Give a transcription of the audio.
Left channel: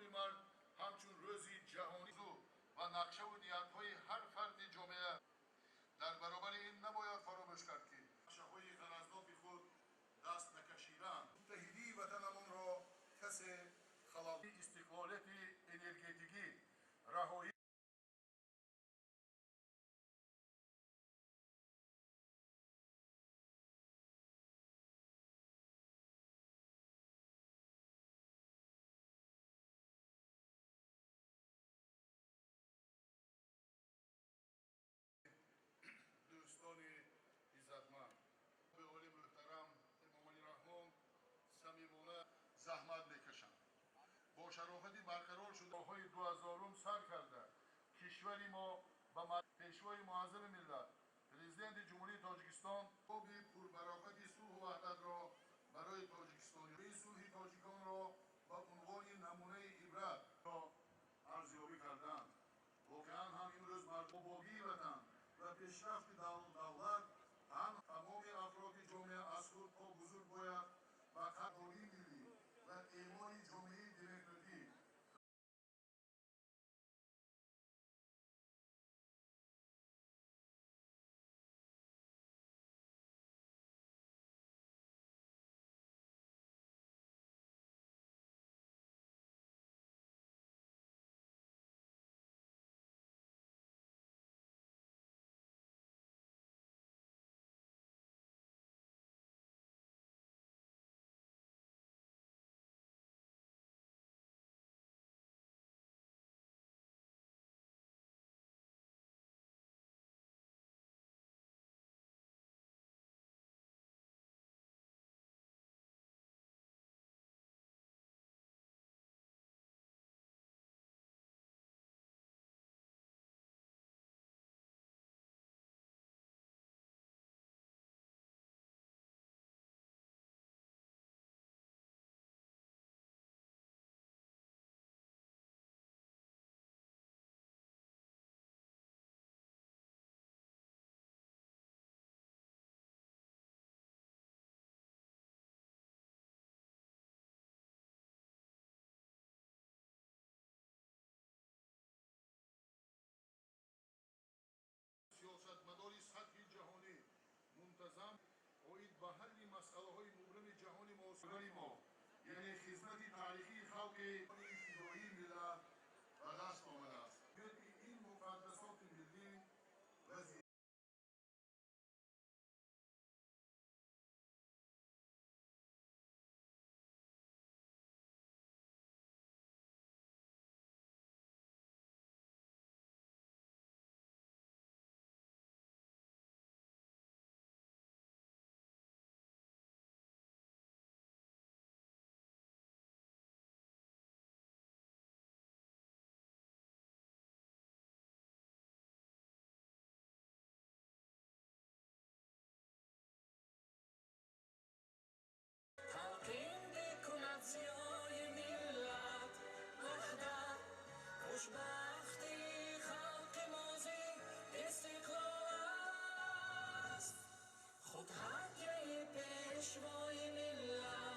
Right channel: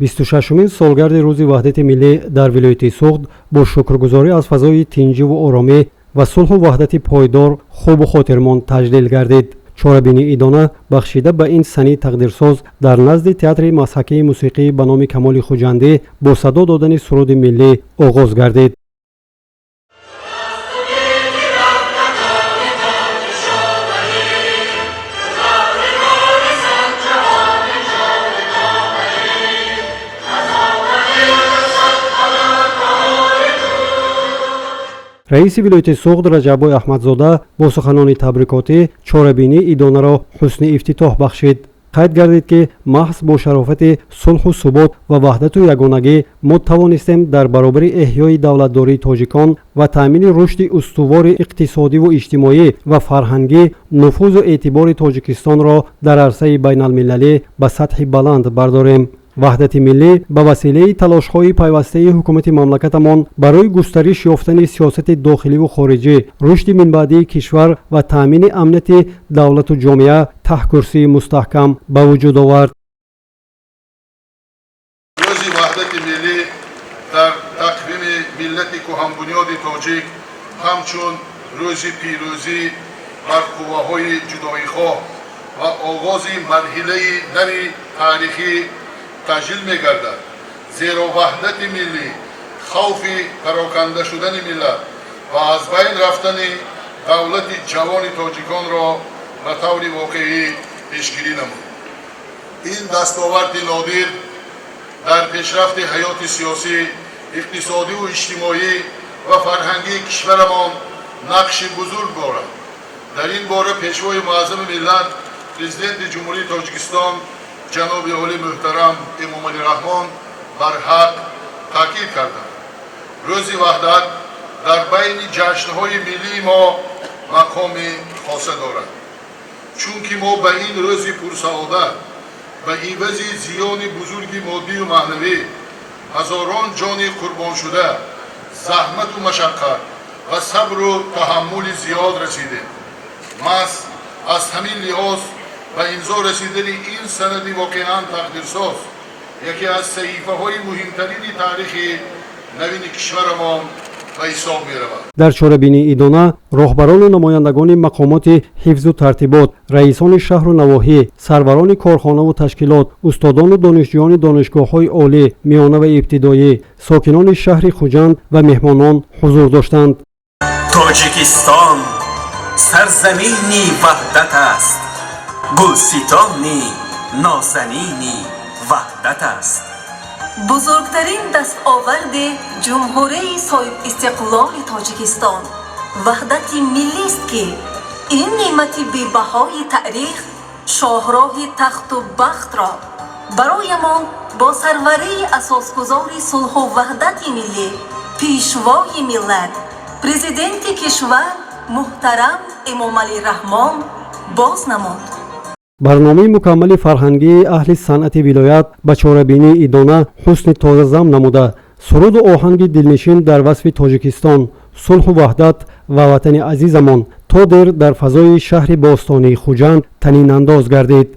26-мин солгарди рӯзи ваҳдати миллӣ дар вилояти Суғд бо шукргузорӣ аз фазои тинҷиву оромӣ ва сулҳу ваҳдати пойдор хубу хотирмон таҷлил гардид. чорабинии идона бахшида ба ин санъи тақдирсоз дар назди театри мазҳакии мусиқӣ ба номи Камоли Хуҷандӣ бо садо додани суруди миллӣ оғоз гардид. раиси вилояти Суғд Раҷаббой Аҳмадзода бо суханони табрикотӣ чорабинии идонаро ҳусни ифтитоҳ бахшид. қайд гардид ки маҳз бо шарофати сулҳу субот ва ваҳдату ягонагӣ мо тавонистем дар баробари эҳёи давлатдории тоҷикон ва таъмини рушди устувори иқтисодиву иҷтимоӣ ва фарҳангӣ нуфузу эътибори Тоҷикистонро дар арсаи байналмилалӣ ба сатҳи баланд бардорем. ваҳдати миллӣ ба василаи талошҳои пайвастаи ҳукумати мамлакатамон барои густариш ёфтани сиёсати дохиливу хориҷӣ, рушди минбаъдии кишвар ва таъмини амнияти давлату ҷомеа таҳкурсии мустаҳкам ба вуҷуд овард. рӯзи ваҳдати миллӣ дар тақвими миллати кӯҳанбунёди тоҷик ҳамчун рӯзи пирӯзӣ бар қувваҳои ҷудоихоҳ ва оғози марҳилаи нави таърихӣ таҷлил мегардад. зеро ваҳдати миллӣ хавфи пароканда шудани миллат ва аз байн рафтани давлати ҷавони тоҷиконро ба таври воқеӣ пешгирӣ намуд. ин дастоварди нодир дар пешрафти ҳаёти сиёсӣ, иқтисодиву иҷтимоӣ ва фарҳангии кишварамон нақши бузург дорад. дар ин бора пешвои муаззами миллат президенти ҷумҳурии Тоҷикистон ҷаноби оли муҳтарам Эмомалӣ Раҳмон барҳақ таъкид карданд. рӯзи ваҳдат дар байни ҷашнҳои миллии мо мақоми хоса дорад, чунки мо ба ин рӯзи пурсаодат ба ивази зиёни бузурги моддию маънавӣ ҳазорон ҷони қурбоншуда, заҳмату машаққат ва сабру таҳаммули зиёд расидем. маҳз аз ҳамин лиҳоз ба имзо расидани ин санади воқеан тақдирсоз яке аз саҳифаҳои муҳимтарини таърихи навини кишварамон ба ҳисоб меравад. дар чорабинии идона роҳбарону намояндагони мақомоти ҳифзу тартибот, раисони шаҳру навоҳӣ, сарварони корхонаву ташкилот, устодону донишҷӯёни донишгоҳҳои олӣ, миёна ва ибтидоӣ, сокинони шаҳри Хуҷанд ва меҳмонон ҳузур доштанд. тоҷикистон сарзамини ваҳдат аст, гулситони нозанини ваҳдат аст. бузургтарин дастоварди ҷумҳурии соҳибистиқлоли Тоҷикистон ваҳдати миллист ки ин неъмати бебаҳои таърих шоҳроҳи тахту бахтро бароямон бо сарварии асосгузори сулҳу ваҳдати миллӣ пешвои миллат президенти кишвар муҳтарам Эмомалӣ Раҳмон боз намуд. барномаи мукаммали фарҳангии аҳли санъати вилоят ба чорабинии идона ҳусни тозазам намуда, суруду оҳанги дилнишин дар васфи Тоҷикистон, сулҳу ваҳдат ва ватани азизамон то дер дар фазои шаҳри бостонии Хуҷанд танинандоз гардид.